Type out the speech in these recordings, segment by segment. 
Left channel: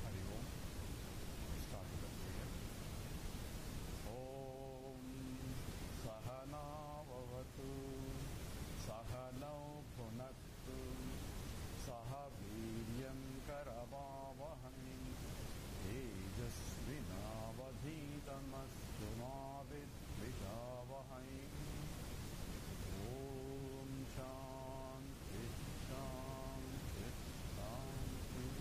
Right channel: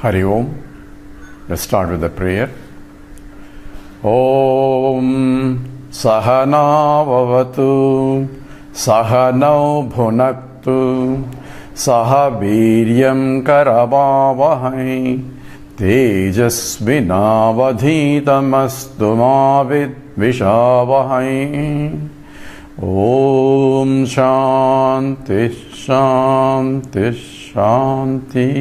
Hari Om. Let's start with the prayer. Om Sahana Vavatu Sahanau Bhunaktu Sahaviryam Karavavahai Tejasvinavadhitamastu mavid vishavahai. Om Shanti Shanti Shanti.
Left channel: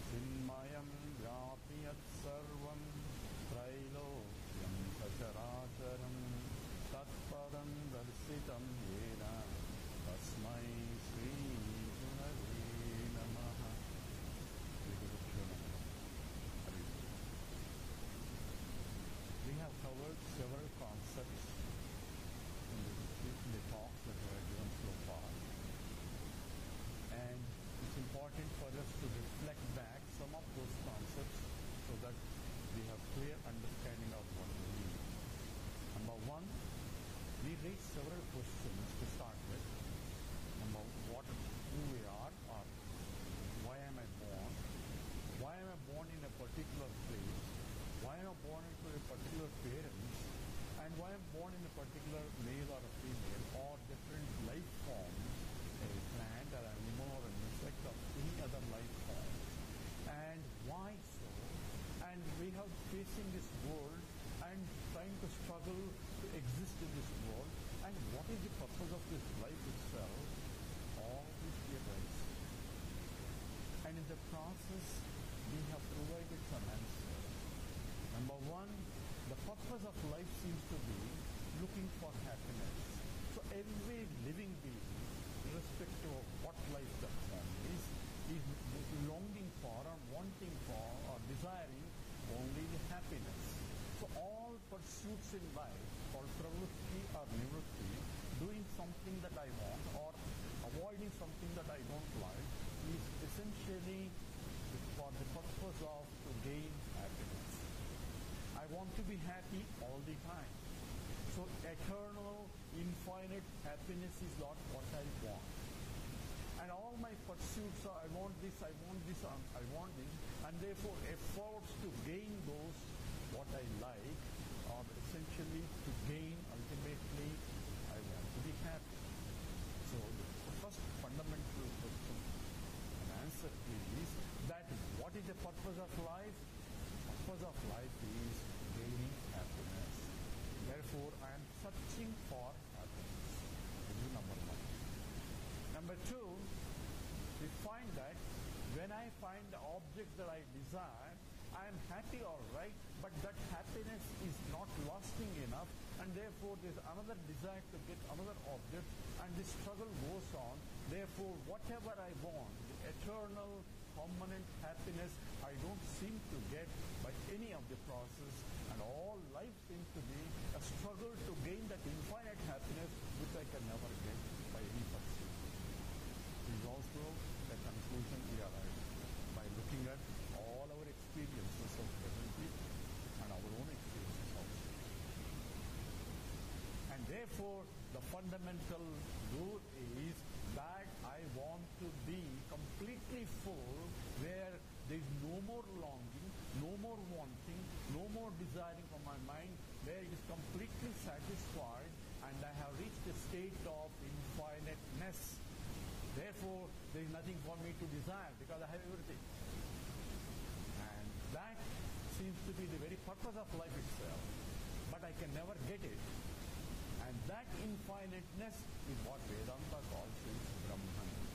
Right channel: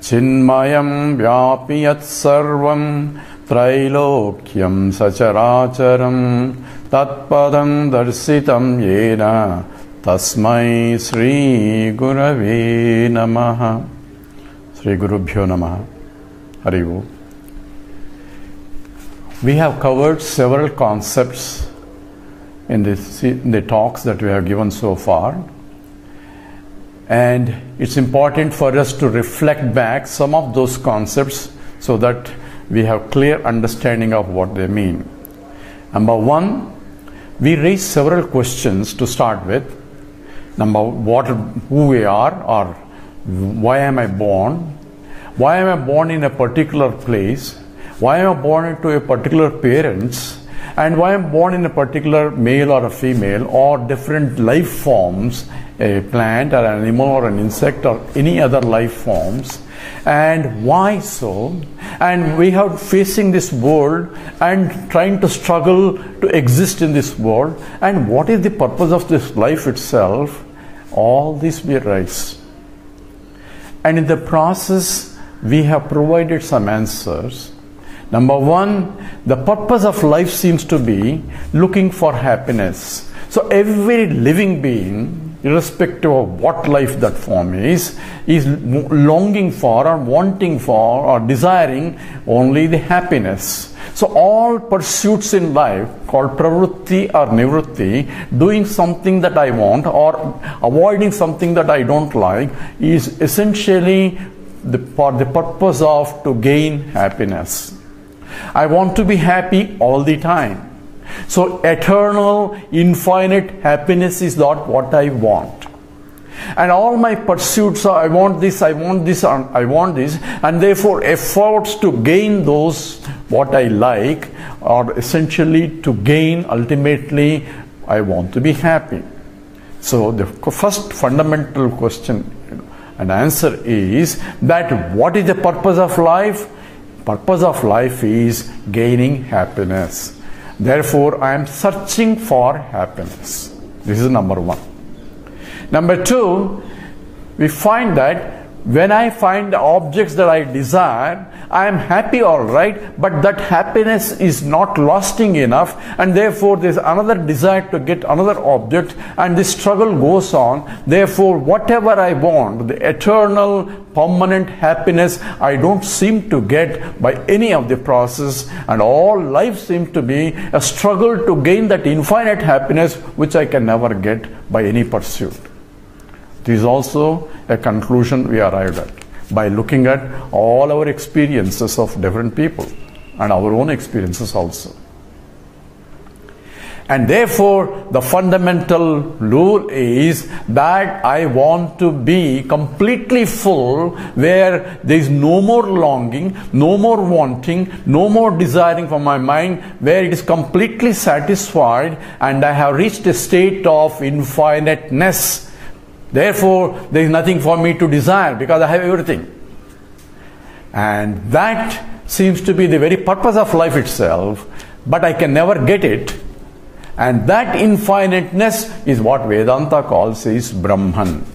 Chinmayam vyapiyat sarvam Trailokyam sacharacharam Tatpadam darsitam yena Tasmai Sri Gurave Namaha. Sri Gurubhyo Namaha. Hari Om. We have covered several concepts in the talks that we have given so far. And it's important for us to reflect back some of those concepts so that we have clear understanding of what they mean. Number one, we raised several questions to start with. Number one, who we are, or why am I born? Why am I born in a particular place? Why am I born into a particular parents? And why am I born in a particular male or a female or different life forms, a plant or an animal or an insect or any other life forms, and why so? And we are facing this world and trying to struggle to exist in this world, and what is the purpose of this life itself? All this we raise, and in the process we have provided some answers. Number one, the purpose of life seems to be looking for happiness. So every living being, irrespective of what life that form is longing for or wanting for or desiring only the happiness. So all pursuits in life called pravrutti or nivrutti, doing something that I want or avoiding something that I don't like, is essentially for the purpose of to gain happiness. I want to be happy all the time. So eternal, infinite happiness is not what I want. And all my pursuits are, I want this, I want this, I want this, and therefore efforts to gain those what I like are essentially to gain, ultimately, I want to be happy. So the first fundamental question and answer is that what is the purpose of life? Purpose of life is gaining happiness. Therefore, I am searching for happiness. This is number one. Number two, we find that when I find the objects that I desire, I am happy, all right, but that happiness is not lasting enough, and therefore there is another desire to get another object, and this struggle goes on. Therefore, whatever I want, the eternal, permanent happiness, I don't seem to get by any of the process, and all life seems to be a struggle to gain that infinite happiness which I can never get by any pursuit. This is also a conclusion we arrived at by looking at all our experiences of different people and our own experiences also. And therefore, the fundamental rule is that I want to be completely full, where there is no more longing, no more wanting, no more desiring from my mind, where it is completely satisfied and I have reached a state of infiniteness. Therefore, there is nothing for me to desire because I have everything. And that seems to be the very purpose of life itself, but I can never get it. And that infiniteness is what Vedanta calls is Brahman.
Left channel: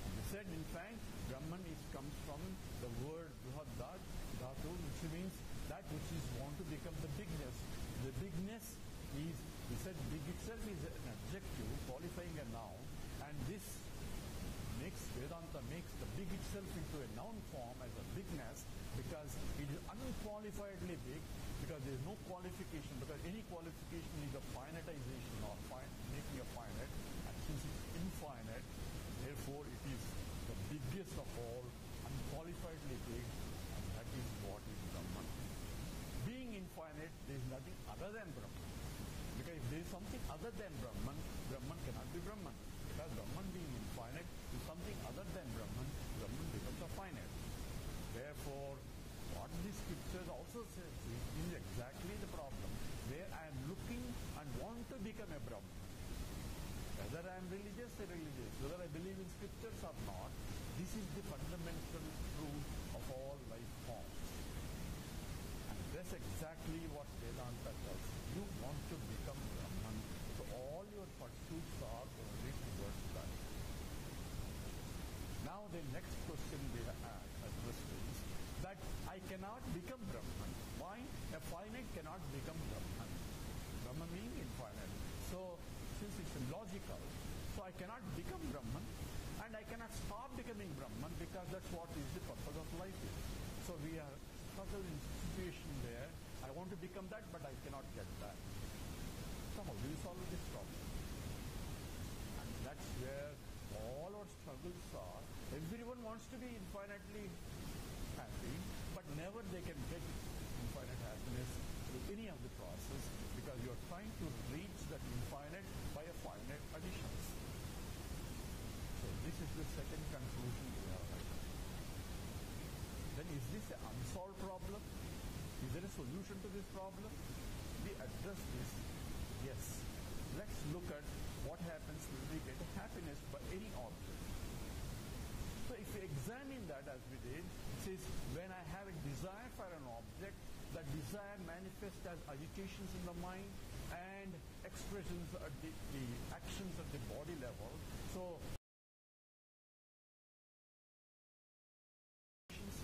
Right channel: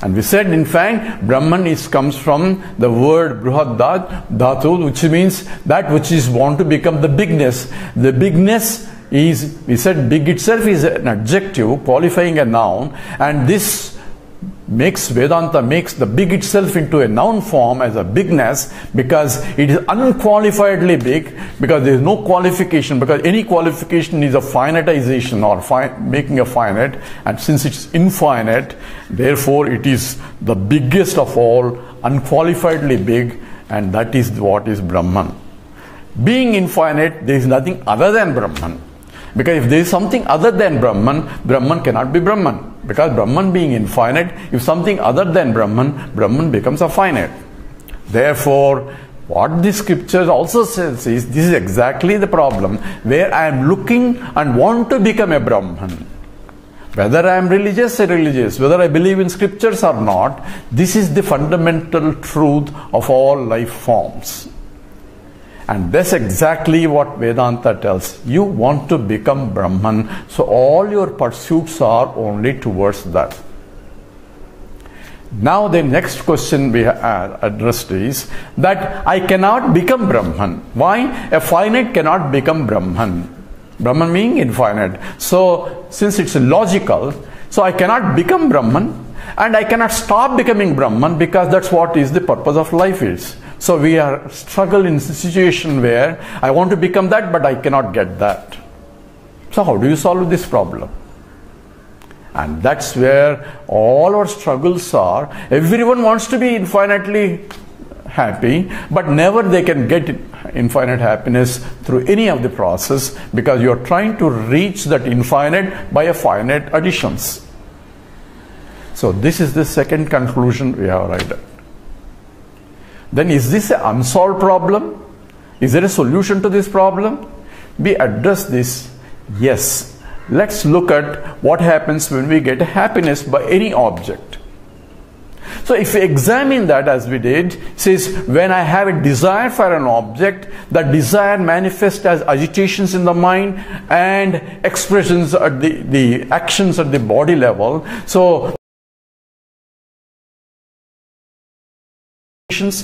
And we said, in fact, Brahman comes from the word Brihadanyaka, which means that which is want to become the bigness. The bigness is, we said, big itself is an adjective qualifying a noun, and this makes Vedanta makes the big itself into a noun form as a bigness, because it is unqualifiedly big, because there is no qualification, because any qualification is a finitization or making a finite, and since it's infinite, therefore it is the biggest of all, unqualifiedly big, and that is what is Brahman. Being infinite, there is nothing other than Brahman. Because if there is something other than Brahman, Brahman cannot be Brahman. Because Brahman being infinite, if something other than Brahman becomes a finite. Therefore, what the scriptures also says is, this is exactly the problem, where I am looking and want to become a Brahman. Whether I am religious or religious, whether I believe in scriptures or not, this is the fundamental truth of all life forms. And that's exactly what Vedanta tells. You want to become Brahman, so all your pursuits are only towards that. Now the next question we addressed is that I cannot become Brahman. Why? A finite cannot become Brahman. Brahman meaning infinite. So since it's logical, so I cannot become Brahman and I cannot stop becoming Brahman, because that's what is the purpose of life is. So we are struggling in a situation where I want to become that, but I cannot get that. So how do you solve this problem? And that's where all our struggles are. Everyone wants to be infinitely happy, but never they can get infinite happiness through any of the process, because you are trying to reach that infinite by a finite additions. So this is the second conclusion we have arrived at. Then is this an unsolved problem? Is there a solution to this problem? We address this. Yes. Let's look at what happens when we get happiness by any object. So if we examine that as we did, it says when I have a desire for an object, the desire manifests as agitations in the mind and expressions at the actions at the body level. So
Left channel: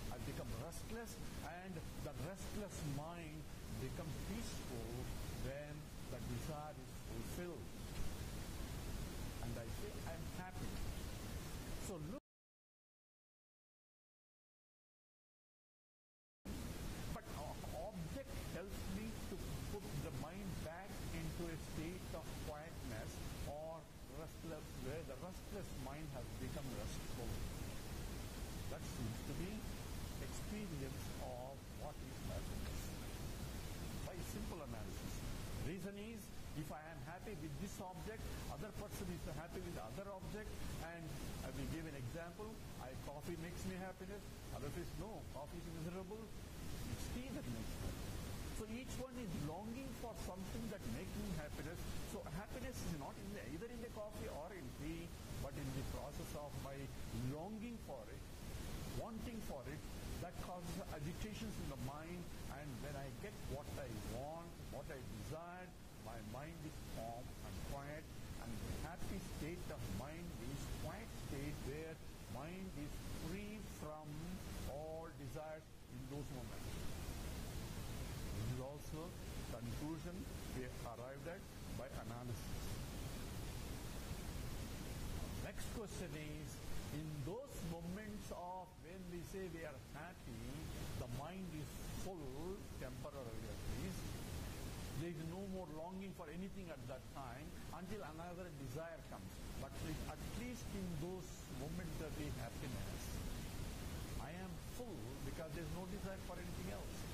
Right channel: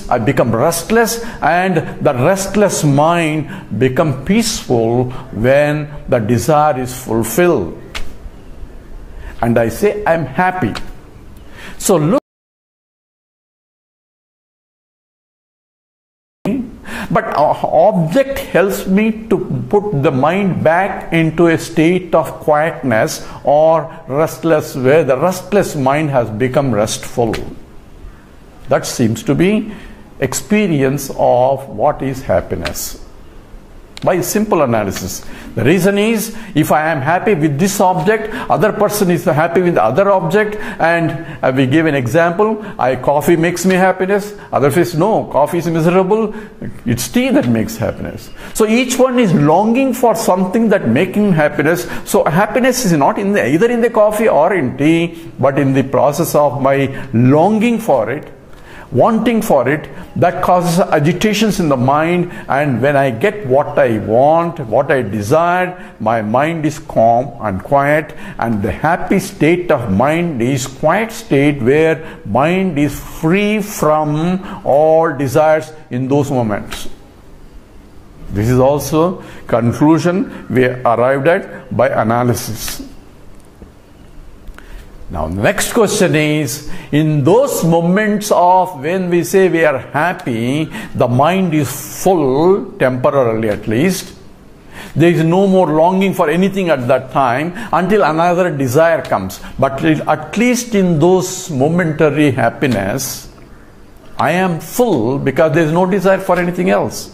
I become restless, and the restless mind become peaceful when the desire is fulfilled. And I say I'm happy. So look, but object helps me to put the mind back into a state of quietness or restless, where the restless mind has become restful. That seems to be experience of what is happiness by simple analysis. The reason is, if I am happy with this object, other person is happy with the other object, and we give an example, coffee makes me happiness, other says no, coffee is miserable, it's tea that makes happiness. So each one is longing for something that making happiness. So happiness is not either in the coffee or in tea, but in the process of my longing for it, wanting for it, that causes agitations in the mind, and when I get what I want, what I desire, my mind is calm and quiet, and the happy state of mind is quiet state where mind is free from all desires in those moments. This is also conclusion we arrived at by analysis. Now the next question is, in those moments of when we say we are happy, the mind is full, temporarily at least. There is no more longing for anything at that time until another desire comes. But at least in those momentary happiness, I am full because there is no desire for anything else.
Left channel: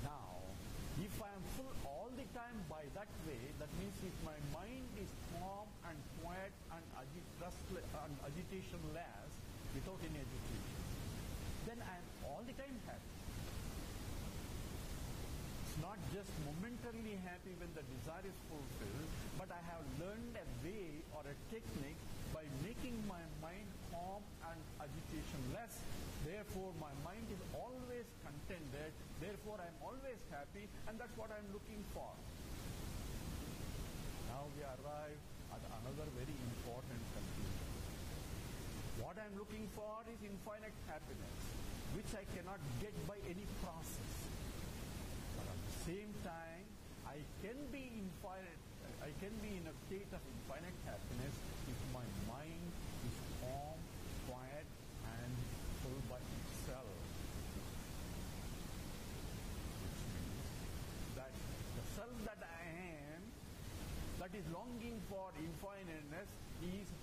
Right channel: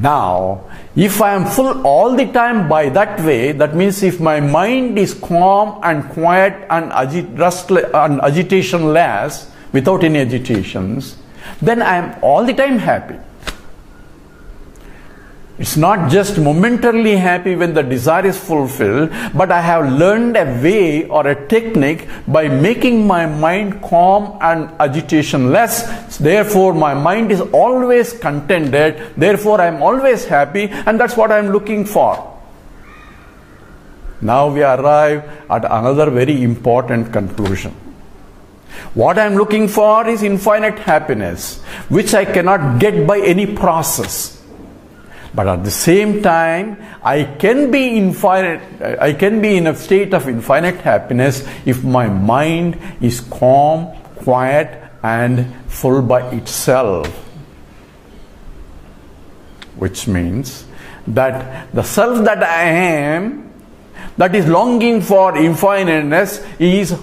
Now, if I am full all the time by that way, that means if my mind is calm and quiet and agitationless, without any agitations, then I am all the time happy. It's not just momentarily happy when the desire is fulfilled, but I have learned a way or a technique by making my mind calm and agitationless. Therefore, my mind is always contented. Therefore, I am always happy, and that's what I am looking for. Now we arrive at another very important conclusion. What I am looking for is infinite happiness, which I cannot get by any process. But at the same time, I can be in a state of infinite happiness if my mind is calm, quiet, and full by itself. Which means that the self that I am, that is longing for infiniteness,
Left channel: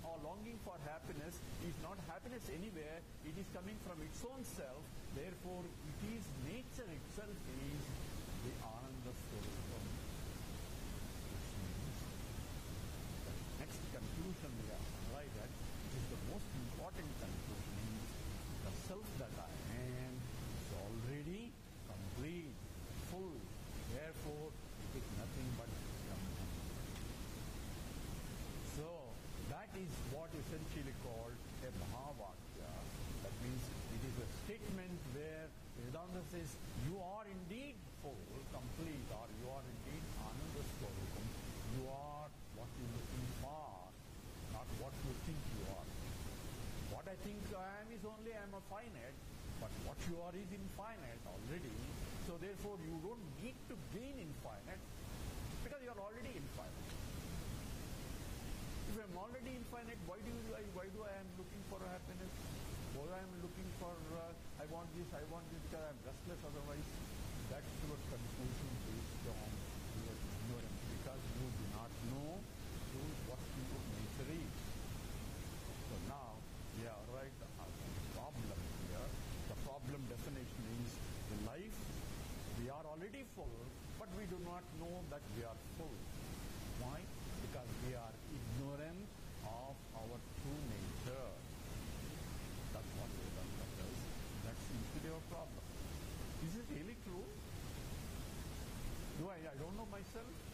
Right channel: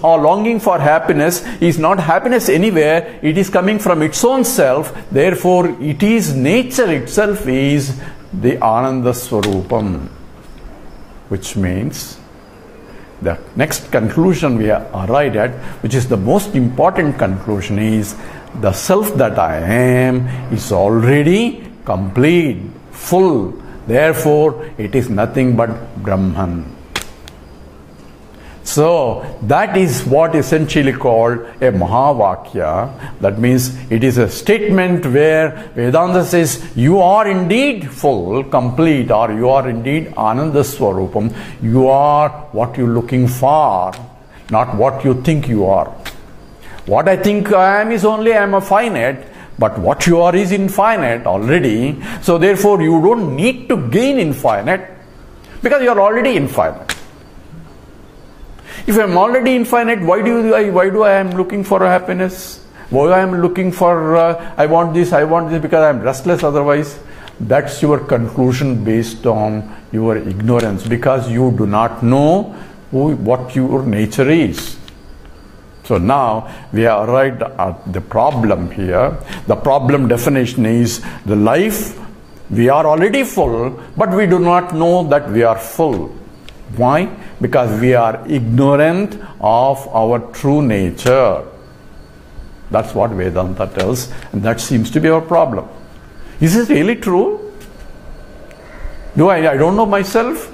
or longing for happiness, is not happiness anywhere. It is coming from its own self. Therefore, it is nature itself is the Ananda Swarupam, which means the next conclusion we arrived at, which is the most important conclusion, is the self that I am is already complete, full. Therefore, it is nothing but Brahman. So, that is what essentially called a Mahavakya. That means it is a statement where Vedanta says, you are indeed full, complete, or you are indeed Ananda Swarupam. You are what you are looking for, not what you think you are. What I think I am is only I am a finite, but what you are is infinite already. So therefore you don't need to gain infinite, because you are already infinite. If I am already infinite, why do I am looking for a happiness? Why I am looking for I want this because I am restless otherwise? That's your conclusion based on your ignorance, because you do not know what your nature is. So now we have arrived at the problem here. The problem definition is the life, we are already full, but we do not know that we are full. Why? Because we are ignorant of our true nature. That's what Vedanta tells, and that seems to be our problem. Is it really true? I don't know myself?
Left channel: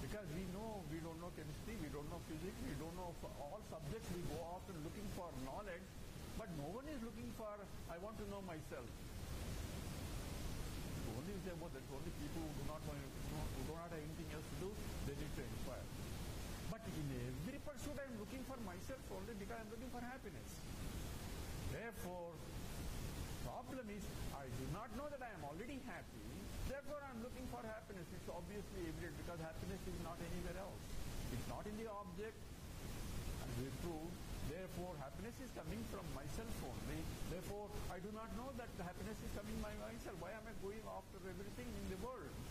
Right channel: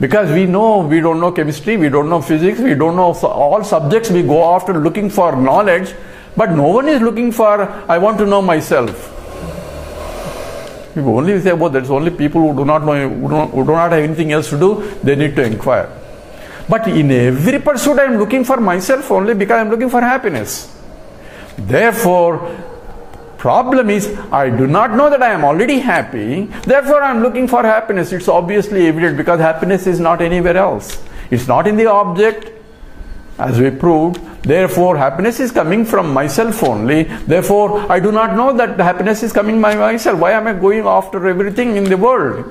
Because we don't know chemistry, we don't know physics, we don't know all subjects we go after looking for knowledge, but no one is looking for, I want to know myself. If only say, well, there's only people who do not know, who do not have anything else to do, they need to inquire. But in every pursuit I am looking for myself only because I am looking for happiness. Therefore, problem is, I do not know that I am already happy, therefore I am looking for happiness. It's obviously evident, because happiness is not anywhere else. It's not in the object, as we proved. Therefore, happiness is coming from myself only. Therefore, I do not know that the happiness is coming by myself. Why am I going after everything in the world?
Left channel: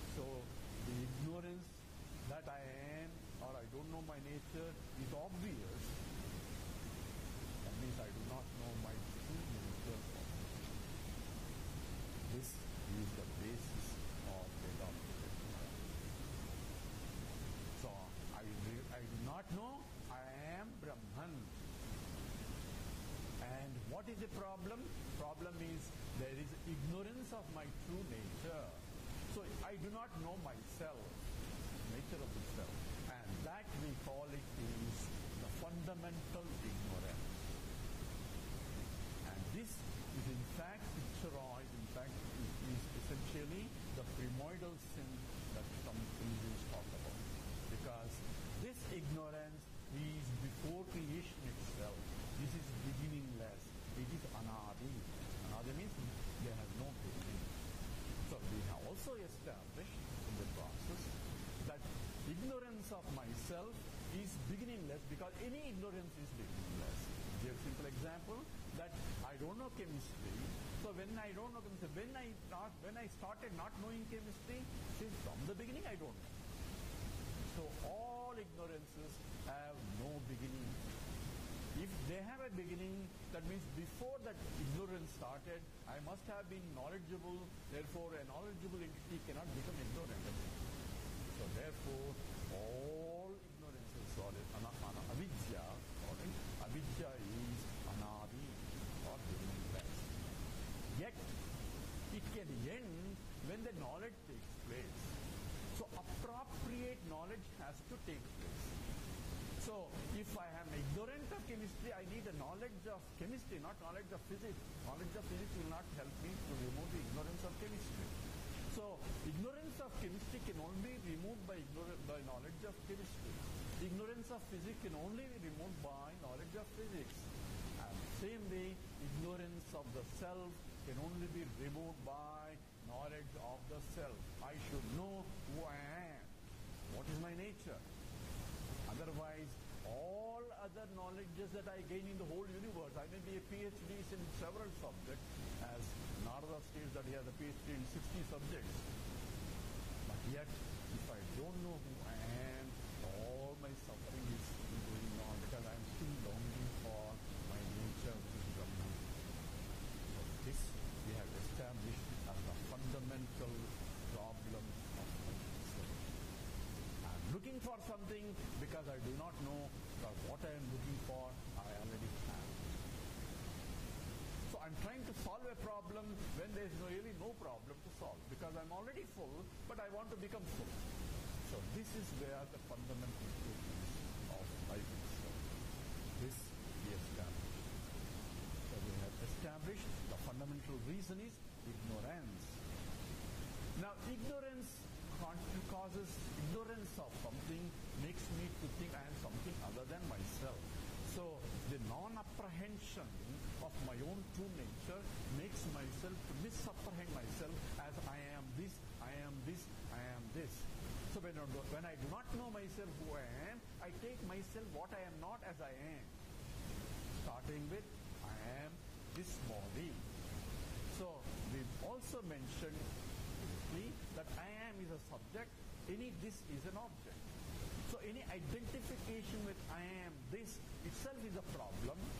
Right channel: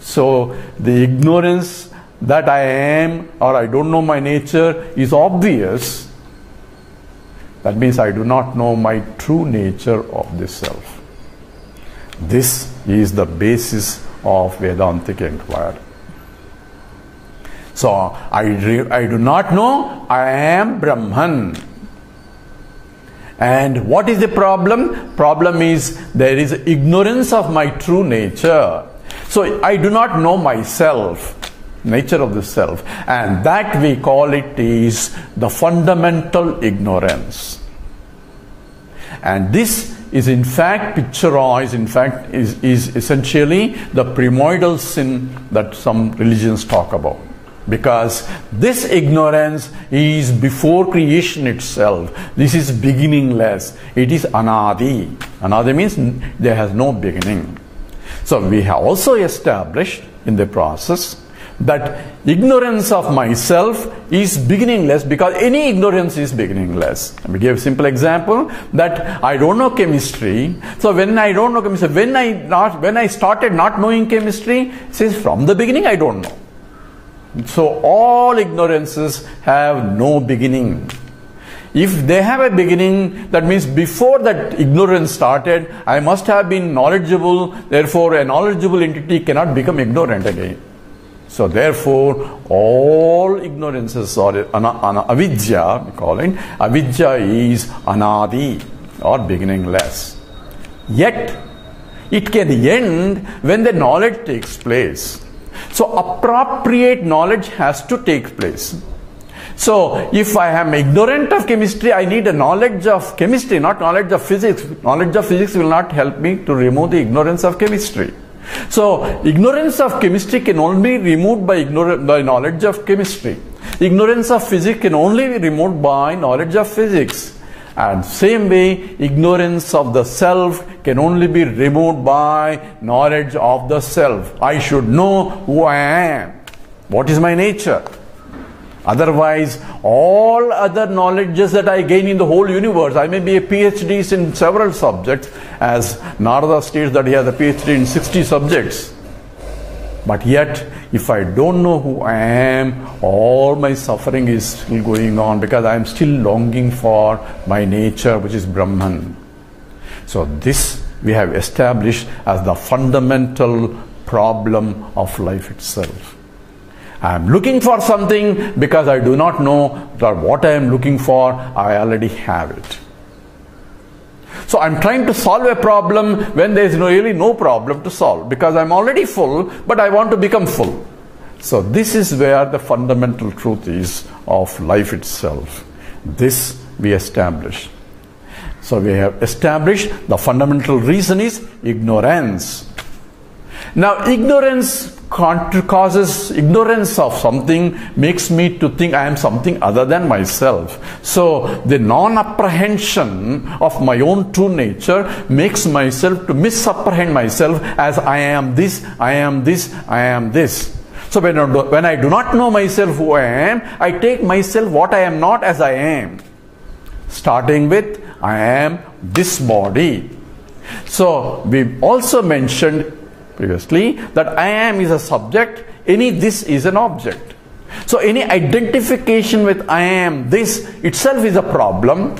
So, the ignorance that I am, or I don't know my nature, is obvious. That means I do not know my true nature of the self. This is the basis of Vedantic inquiry. So, I do not know I am Brahman. And what is the problem? Problem is there is ignorance of my true nature. So, I do not know myself, nature of the self. And that we call it is the fundamental ignorance. And this is in fact picturized, is essentially the primordial sin that some religions talk about. Because this ignorance is before creation itself. This is beginningless. It is anadi. Anadi means there has no beginning. So we have also established in the process that ignorance of myself is beginningless, because any ignorance is beginningless. Let me give a simple example, that I don't know chemistry. So when I don't know chemistry, when I started not knowing chemistry, it says from the beginning I don't know. So all ignorances have no beginning. If they have a beginning, that means before that ignorance started, I must have been knowledgeable. Therefore, a knowledgeable entity cannot become ignorant again. So therefore, all ignorances, or avidya, we call it, avidya is anadi, or beginningless. Yet, it can end when the knowledge takes place. So appropriate knowledge has to take place. So if I am ignorant of chemistry, I need a knowledge of chemistry, not knowledge of physics. Knowledge of physics will not help me to remove the ignorance of chemistry. So ignorance of chemistry can only be removed by knowledge of chemistry. Ignorance of physics can only be removed by knowledge of physics. And same way, ignorance of the self can only be removed by knowledge of the self. I should know who I am. What is my nature? Otherwise, all other knowledges that I gain in the whole universe, I may be a PhD in several subjects, as Narada states that he has a PhD in 60 subjects. But yet, if I don't know who I am, all my suffering is still going on, because I am still longing for my nature, which is Brahman. So this we have established as the fundamental problem of life itself. I am looking for something because I do not know that what I am looking for, I already have it. So I'm trying to solve a problem when there is really no problem to solve, because I'm already full, but I want to become full. So this is where the fundamental truth is of life itself. This we establish. So we have established the fundamental reason is ignorance. Now ignorance causes ignorance of something, makes me to think I am something other than myself. So the non-apprehension of my own true nature makes myself to misapprehend myself as I am this, I am this, I am this. So when I do not know myself who I am, I take myself what I am not as I am. Starting with I am this body. So we also mentioned previously that I am is a subject, any this is an object. So any identification with I am this itself is a problem,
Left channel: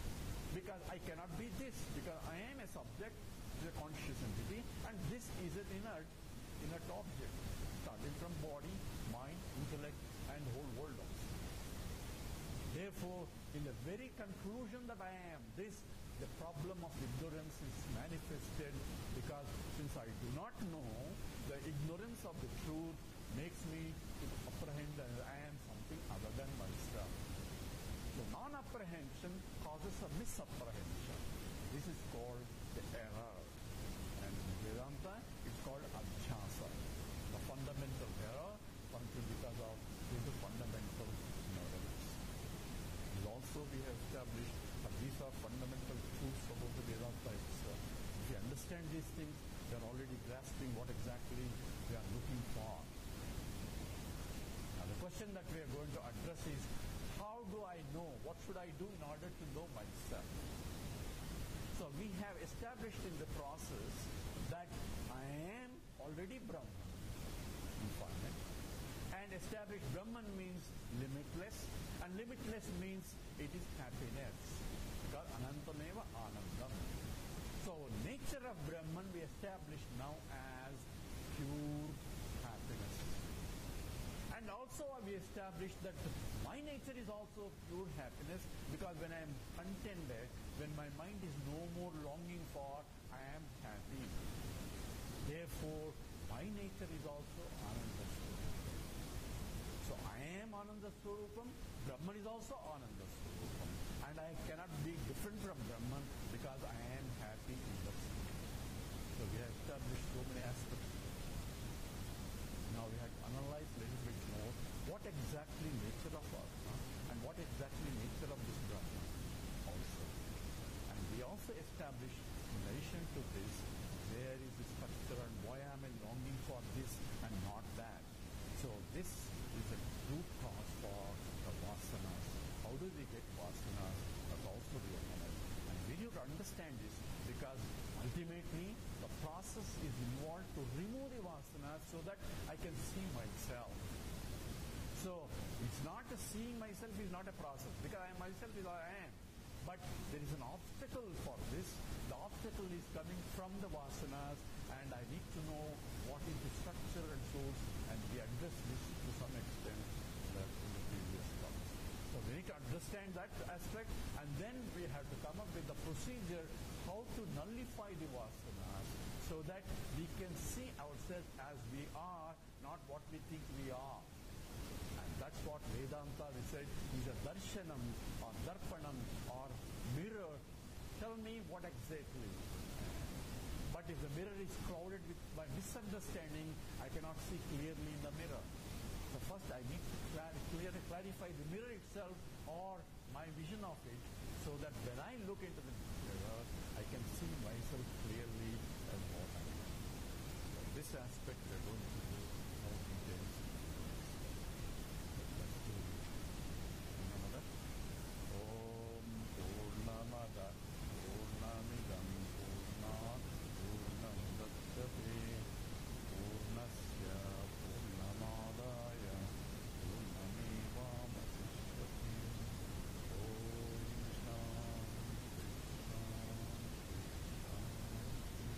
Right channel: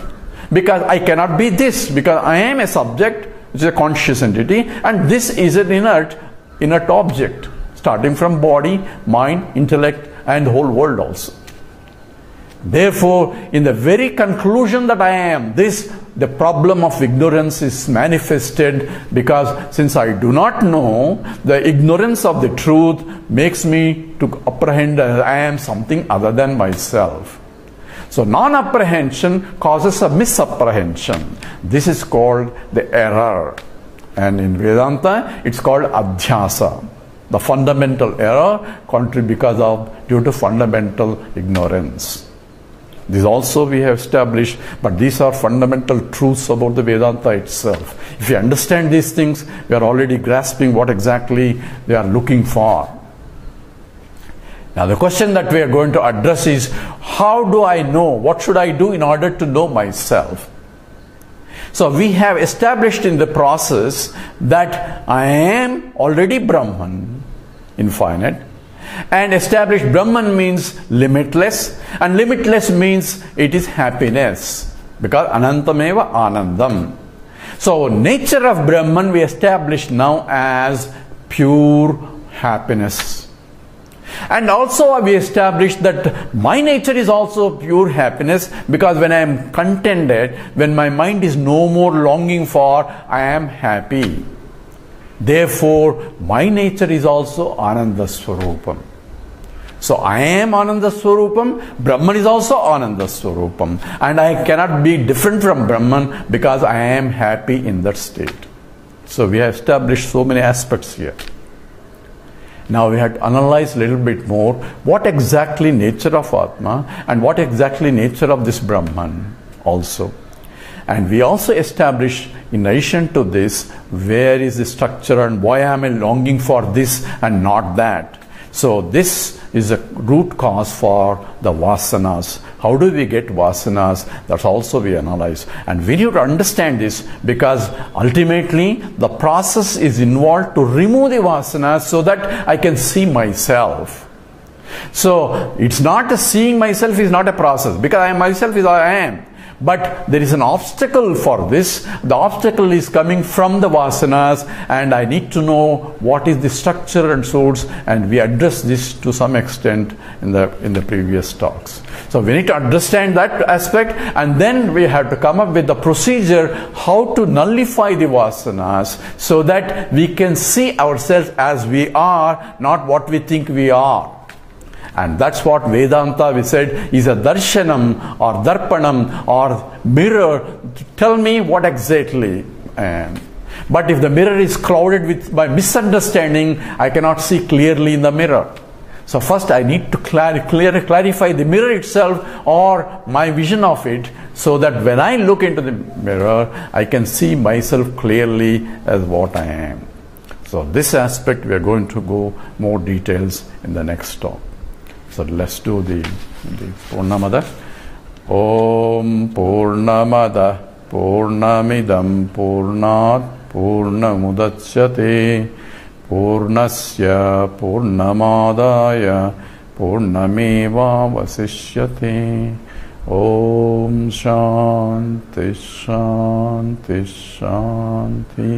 because I cannot be this, because I am a subject which is a conscious entity, and this is an inert object, starting from body, mind, intellect, and the whole world also. Therefore, in the very conclusion that I am this, the problem of ignorance is manifested, because since I do not know, the ignorance of the truth makes me to apprehend that I am something other than myself. So non-apprehension causes a misapprehension. This is called the error. And in Vedanta, it's called adhyasa. The fundamental error due to fundamental ignorance. This also we have established, but these are fundamental truths about the Vedanta itself. If you understand these things, we are already grasping what exactly they are looking for. Now the question that we are going to address is, how do I know? What should I do in order to know myself? So we have established in the process that I am already Brahman, infinite. And established Brahman means limitless, and limitless means it is happiness, because anantameva anandam. So nature of Brahman we established now as pure happiness. And also we established that my nature is also pure happiness, because when I am contented, when my mind is no more longing for, I am happy. Therefore, my nature is also Ananda Swarupam. So I am Ananda Swarupam, Brahman is also Ananda Swarupam. And I cannot be different from Brahman because I am happy in that state. So we have established so many aspects here. Now we have to analyze a little bit more what exactly nature of Atma and what exactly nature of this Brahman also. And we also establish, in addition to this, where is the structure and why am I longing for this and not that. So this is a root cause for the vasanas. How do we get vasanas? That's also we analyze. And we need to understand this, because ultimately the process is involved to remove the vasanas so that I can see myself. So it's not seeing myself is not a process, because I myself is I am. But there is an obstacle for this. The obstacle is coming from the vasanas, and I need to know what is the structure and source, and we address this to some extent in the previous talks. So we need to understand that aspect, and then we have to come up with the procedure how to nullify the vasanas so that we can see ourselves as we are, not what we think we are. And that's what Vedanta, we said, is a darshanam or darpanam or mirror to tell me what exactly I am. But if the mirror is clouded by misunderstanding, I cannot see clearly in the mirror. So first I need to clarify the mirror itself or my vision of it, so that when I look into the mirror, I can see myself clearly as what I am. So this aspect we are going to go more details in the next talk. So let's do the Purnamada. Om Purnamada Purnamidam Purnat Purnamudachyate Purnasya Purnamadaya Purnameva Vasishyate. Om Shanti Shanti Shanti.